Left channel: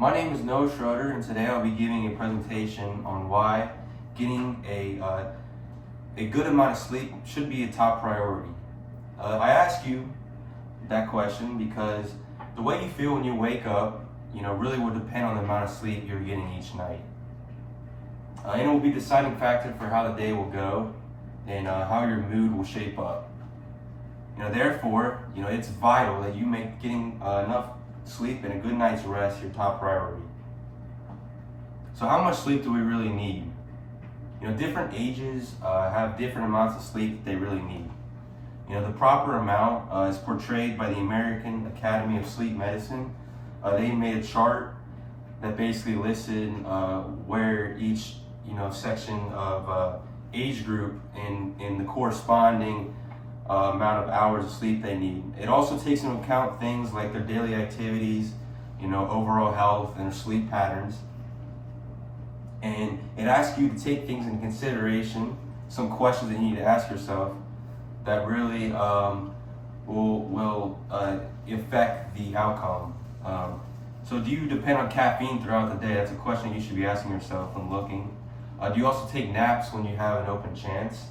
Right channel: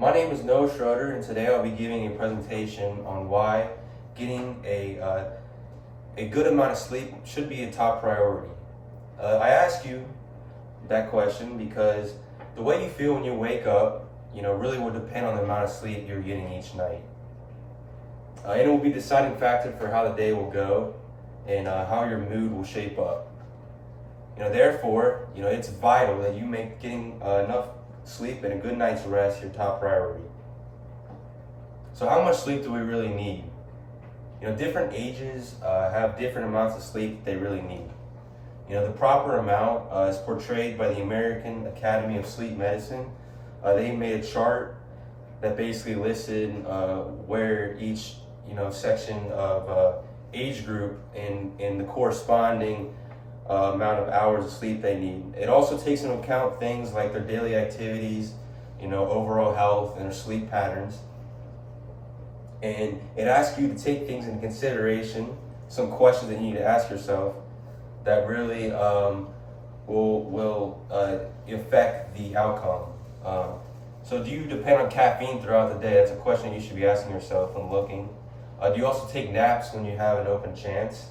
My name is Noah Schroeder, and today I'll be giving a presentation on why getting a good amount of sleep should be a top priority. I ask you that question because the way you feel when you wake up, really will depend on the amount of sleep you're getting each night. And it will be a deciding factor for how the day will go and how your mood will shape up. Therefore, it's vital that you make getting enough sleep and a good night's rest your top priority. So how much sleep do we really need? Different ages have different amounts of sleep that they really need. The proper amount is portrayed by the American Academy of Sleep Medicine. They made a chart that basically listed where each section of age group in the corresponding amount of hours of sleep they need. It also takes into account things like their daily activities, overall health and their sleep patterns. And it asks you to take things into consideration, some questions that you need to ask yourself that really will affect the outcome. So do you depend on caffeine throughout the day? That's a question you should be asking yourself when looking. Do you also take naps when you have an open chance?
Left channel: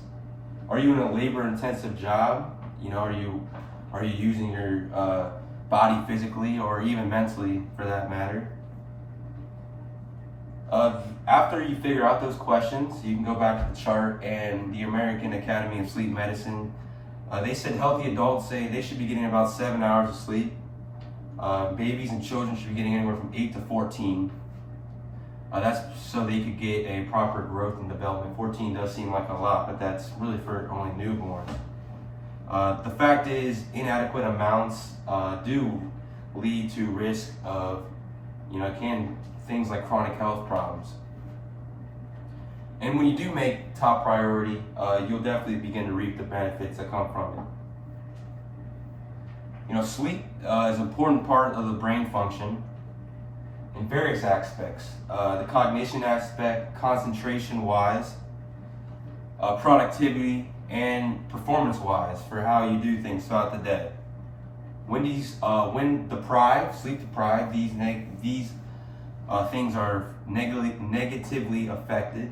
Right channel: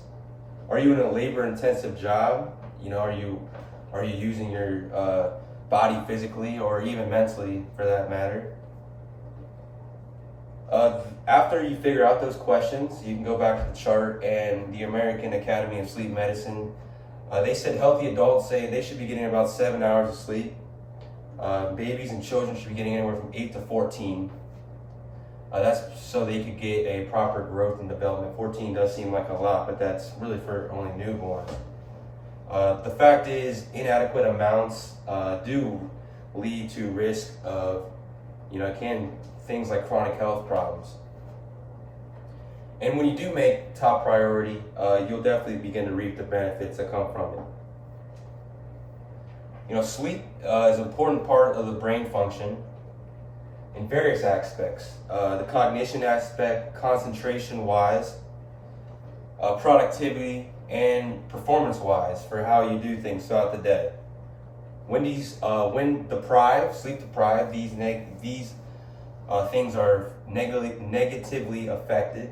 Are you in a labor-intensive job? Are you using your body physically or even mentally, for that matter? After you figure out those questions, you can go back to the chart, and the American Academy of Sleep Medicine, they said healthy adults say they should be getting about 7 hours of sleep. Babies and children should be getting anywhere from 8 to 14. That's so they could get a proper growth and development. 14 does seem like a lot, but that's really for only newborns. The fact is, inadequate amounts do lead to risk of, things like chronic health problems. And when you do make top priority, you'll definitely begin to reap the benefits that come from it. Sleep is an important part of the brain function in various aspects. The cognition aspect, concentration-wise, productivity, and performance-wise for how you do things throughout the day. When deprived, sleep deprived, these things are negatively affected.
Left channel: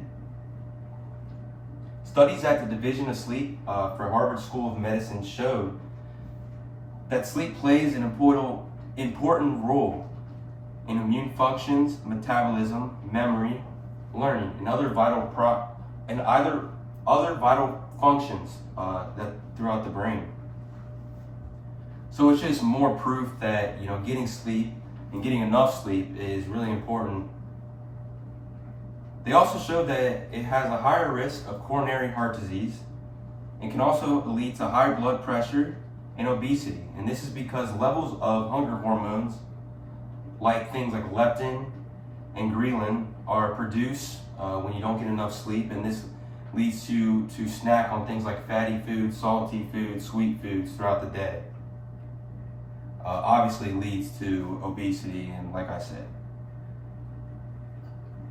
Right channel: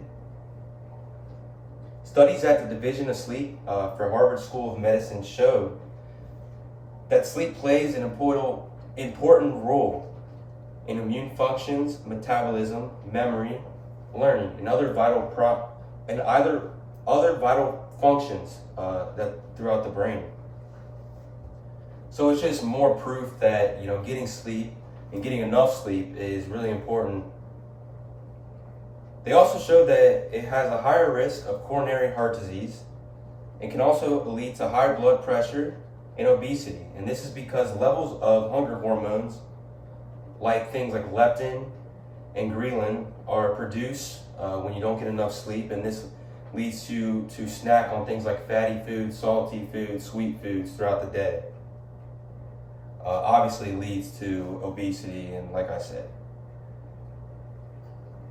Studies at the Division of Sleep for Harvard School of Medicine showed that sleep plays an important role in immune functions, metabolism, memory, learning, and other vital functions that throughout the brain. So it's just more proof that getting sleep and getting enough sleep is really important. They also showed that it has a higher risk of coronary heart disease and can also lead to high blood pressure and obesity. And this is because levels of hunger hormones, like things like leptin and ghrelin, are produced when you don't get enough sleep, and this leads you to snack on things like fatty foods, salty foods, sweet foods throughout the day. Obviously leads to obesity, and like I said.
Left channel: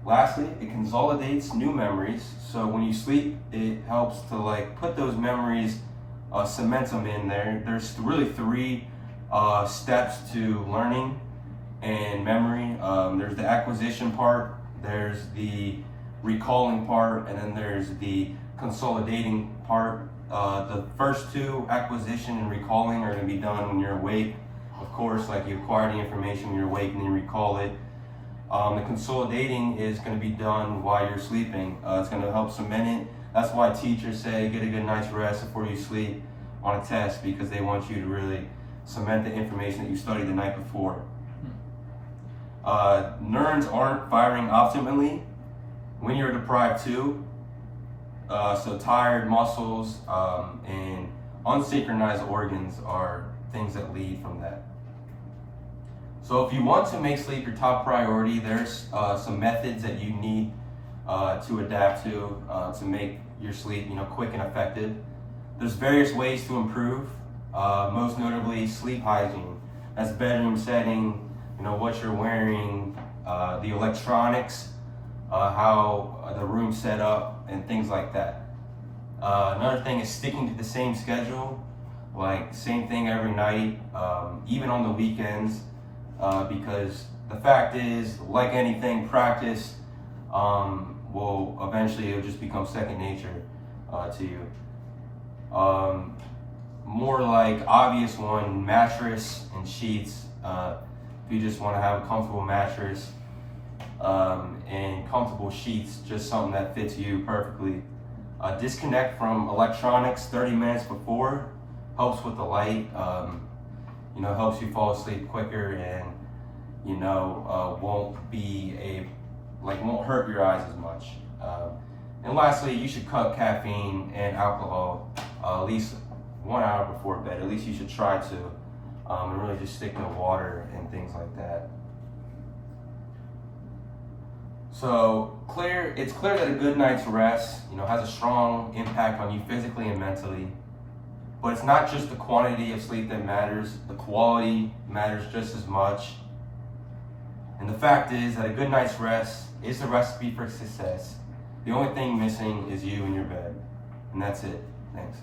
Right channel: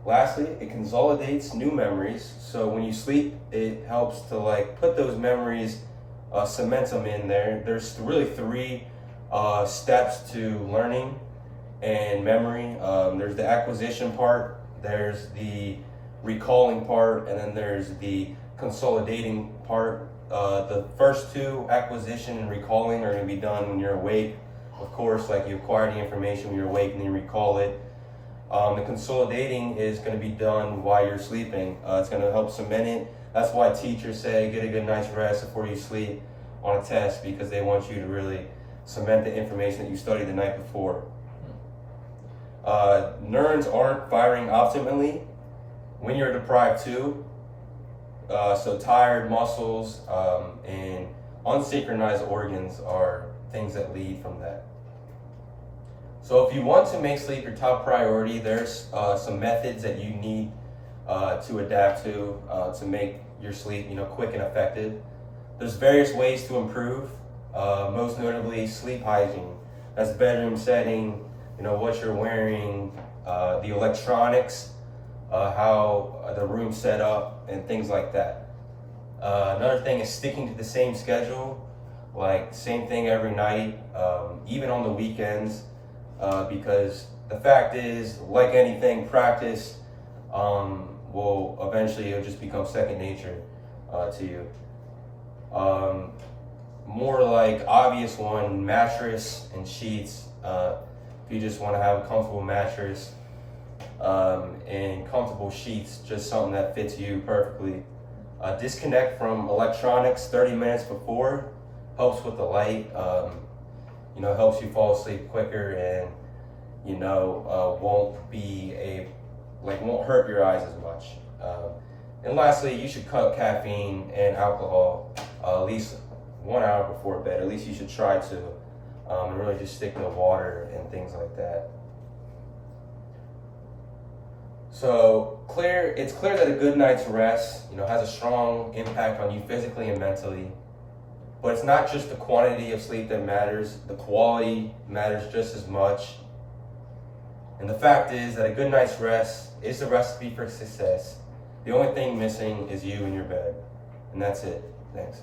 Lastly, it consolidates new memories. So when you sleep, it helps to put those memories, cement them in there. There's really three steps to learning and memory. There's the acquisition part, there's the recalling part, and then there's the consolidating part. The first two, acquisition and recalling, are going to be done when you're awake. Of course, you acquire the information when you're awake and you recall it. The consolidating is going to be done while you're sleeping. It's going to help cement it. That's why teachers say get a good night's rest before you sleep on a test, because they want you to really cement the information that you studied the night before. Neurons aren't firing optimally when you're deprived too. So tired muscles and unsynchronized organs are things that lead from that. So if you want to make sleep your top priority, there's some methods that you need to adapt to make your sleep quick and effective. There's various ways to improve, most notably sleep hygiene. That's bedroom setting, what you're wearing, the electronics, how the room's set up, and things like that. Another thing is sticking to the same schedule, same thing every night, even on the weekends, because the fact is, like anything, practice will eventually, it'll just become second nature to you. More like obvious one, mattress and sheets. If you just want to have a comfortable mattress and comfortable sheets, just something that fits you perfectly. Disconnect from electronics 30 minutes before, helps with the light, helps you fall asleep quicker, and won't hurt your eyes as much. And lastly, you should cut caffeine and alcohol at least 1 hour before bed. At least you should try to, and really just stick to water and things like that. So it's clear that a good night's rest, has a strong impact on you physically and mentally. But it's not just the quantity of sleep that matters, the quality matters just as much. And the fact is that a good night's rest is the recipe for success. The only thing missing is you in your bed. And that's it. Thanks.